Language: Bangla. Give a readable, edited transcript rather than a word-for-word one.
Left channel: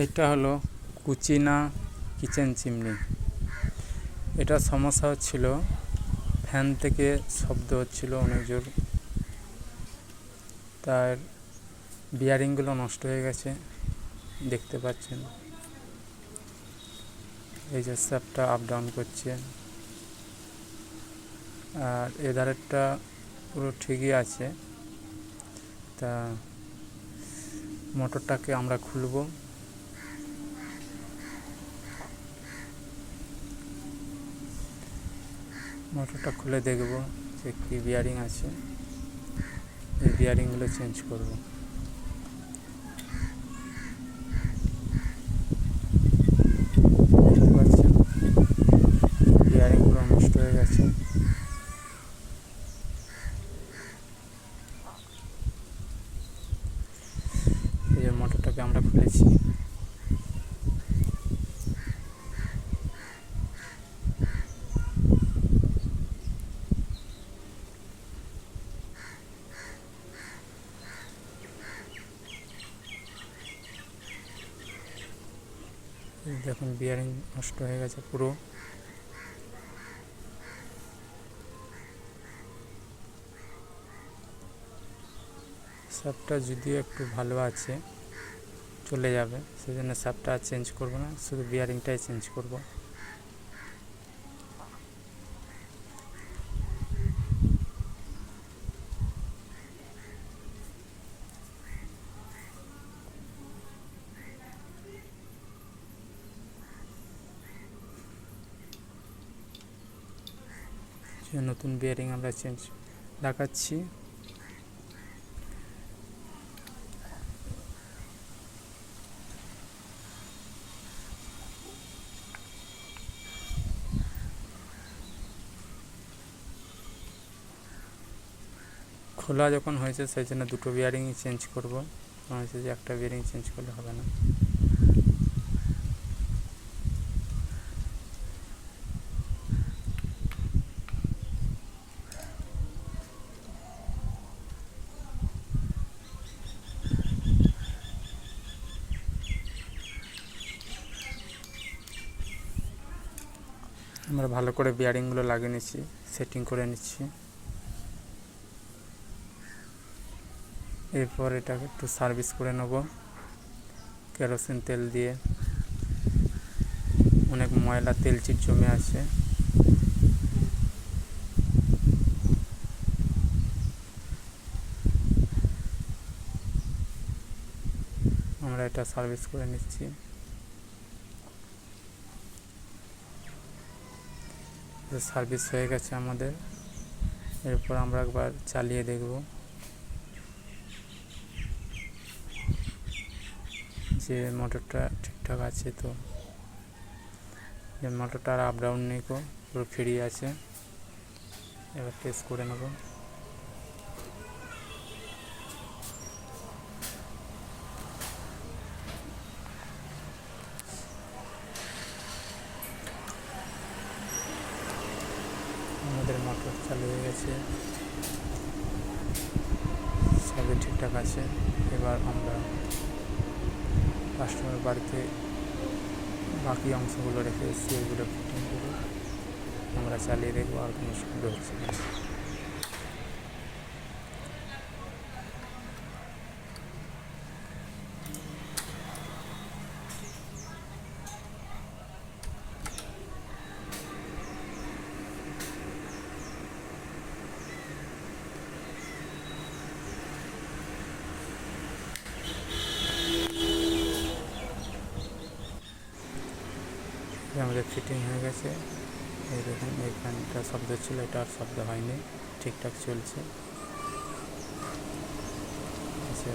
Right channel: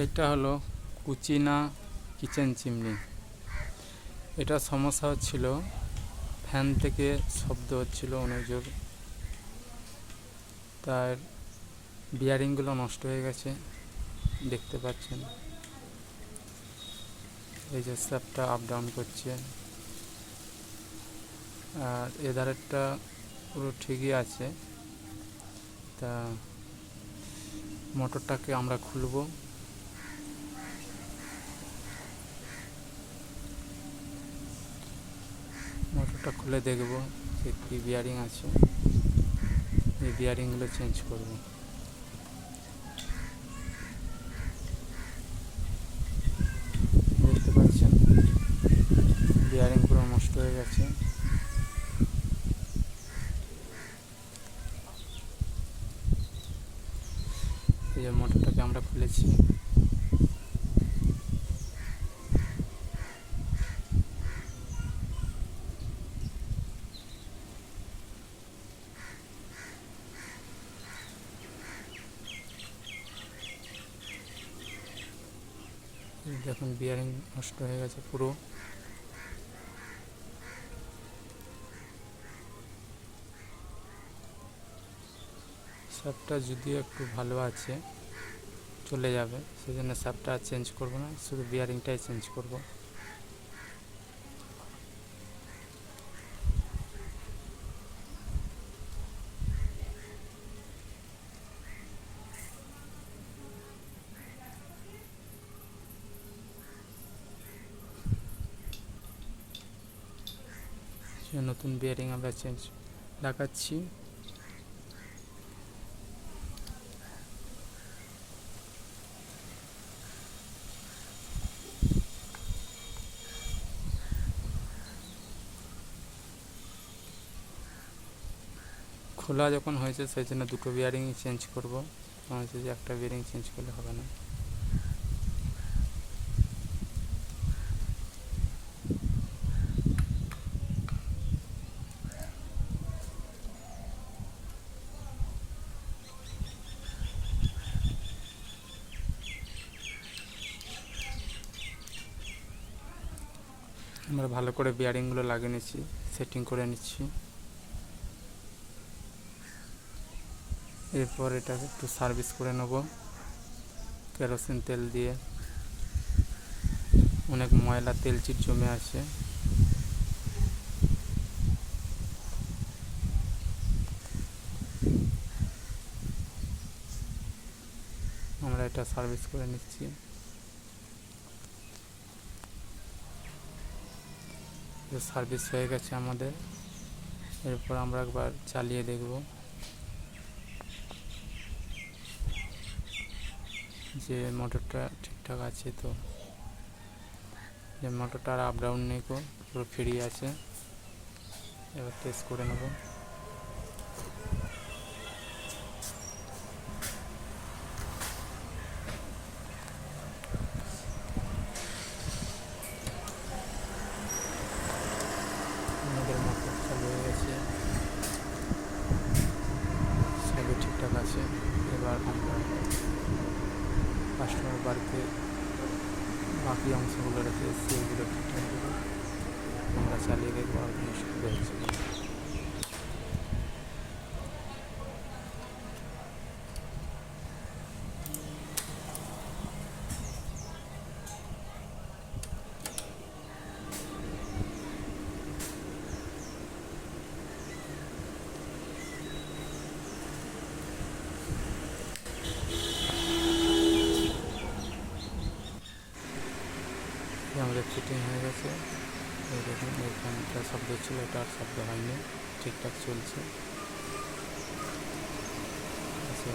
এটা হলো কুচিনা কিচেন চিমনি। এটা সমস্যা হচ্ছিল, ফ্যান থেকে শব্দ হচ্ছিল অনেক জোর, তার বিয়ারিংগুলো নষ্ট হয়ে গেছে দেখতে পাচ্ছেন। এই যে শ্যাফটটা আপ ডাউন করছে, আর এধারেরটা পুরো ঠিকই আছে। তা মোটরটাকে আমরা খুলব। মোটরটা খুলে দেখব যে কী বিয়ারিং আছে, এই বিয়ারিংগুলো চেঞ্জ করব। দেখতে পাচ্ছেন বিয়ারিং পুরো নষ্ট হয়ে গেছে। এই যে মোটরটাকে আমরা খুলেছি। দেখুন বিয়ারিং নষ্ট হয়ে গেছে পুরো। শ্যাফটটা যদিও একটু ভালো আছে, চলে যাবে, সেজন্য শ্যাফটটা চেঞ্জ করব না, শুধু বিয়ারিংটাই চেঞ্জ করব। নতুন বিয়ারিং আমরা লাগাচ্ছি। খোলা যখন হয়েছে সেই জন্য দুটো বিয়ারিংই চেঞ্জ করব, হয়েছে যে একটা বিয়ারিং চেঞ্জ করলে হবে না। আমরা ভালো করে বিয়ারিংগুলো লাগিয়ে নিচ্ছি, সেটিং করে নিচ্ছি। এরপর এটাকে একটু সার্ভিস করে নেব কেরোসিন তেল দিয়ে। অনেক ময়লা তেলচিট জমে আছে। আমরা এটা সার্ভিস করে নিচ্ছি। সার্ভিস হয়ে গেছে আমাদের। এরপর আমরা একবার চালিয়ে দেখব যে মোটরটা ঠিকঠাক আছে। তো যে মোটরটা আর আপ ডাউন নেই, পুরো ফ্রি আছে। এবার টেস্ট করে নেব। আমাদের মোটর চালু হয়ে গেছে, সবই ঠিকঠাক আছে। এবার আমরা কাস্টমার বাড়িতে বাকি অংশগুলো রেখে এসেছি, ওইগুলো ফিটিং করে আমরা চালিয়ে দেখবো আর কোনো শব্দ হচ্ছে না। আমাদের ফিটিং হয়ে গেছে। এই দেখুন এইখানটা শব্দ ছিল, এটা আর শব্দ হয়নি, ঠিকঠাক চলছে। আচ্ছা।